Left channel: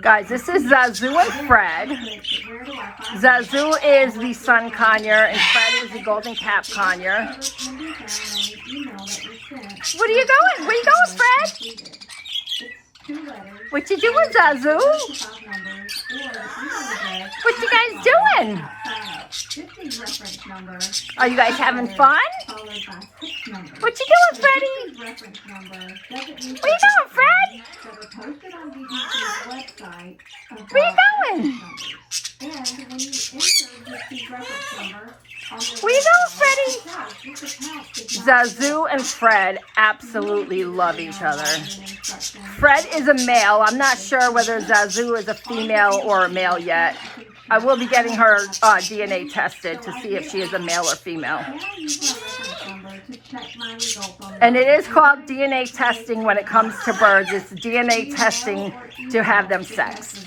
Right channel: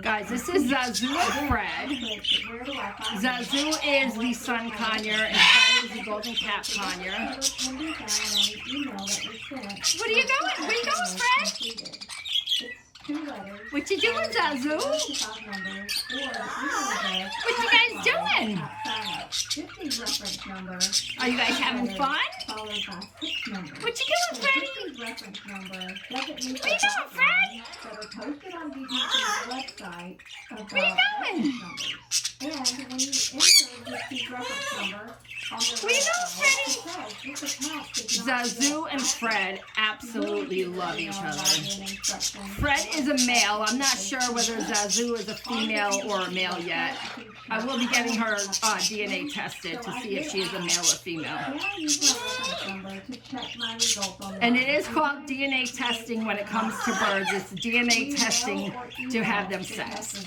Guys, this is Zazoo and Fred. Zazoo is the sun conure and Fred is the golden cap conure. What are you going? Where are you going, Fred? What you doing, Zazoo? What you guys doing? Are you guys having fun? What you doing, Freddie? Where you going, Fred? Where you going? Where you going, Freddie? Zazoo and Fred absolutely love each other. Fred is a male. I'm not sure whether Zazoo is a female or a male yet. I will be getting her DNA tested to see if she is a male or female. And it is called DNA testing when it comes to birds. It's DNA testing to have them sexed.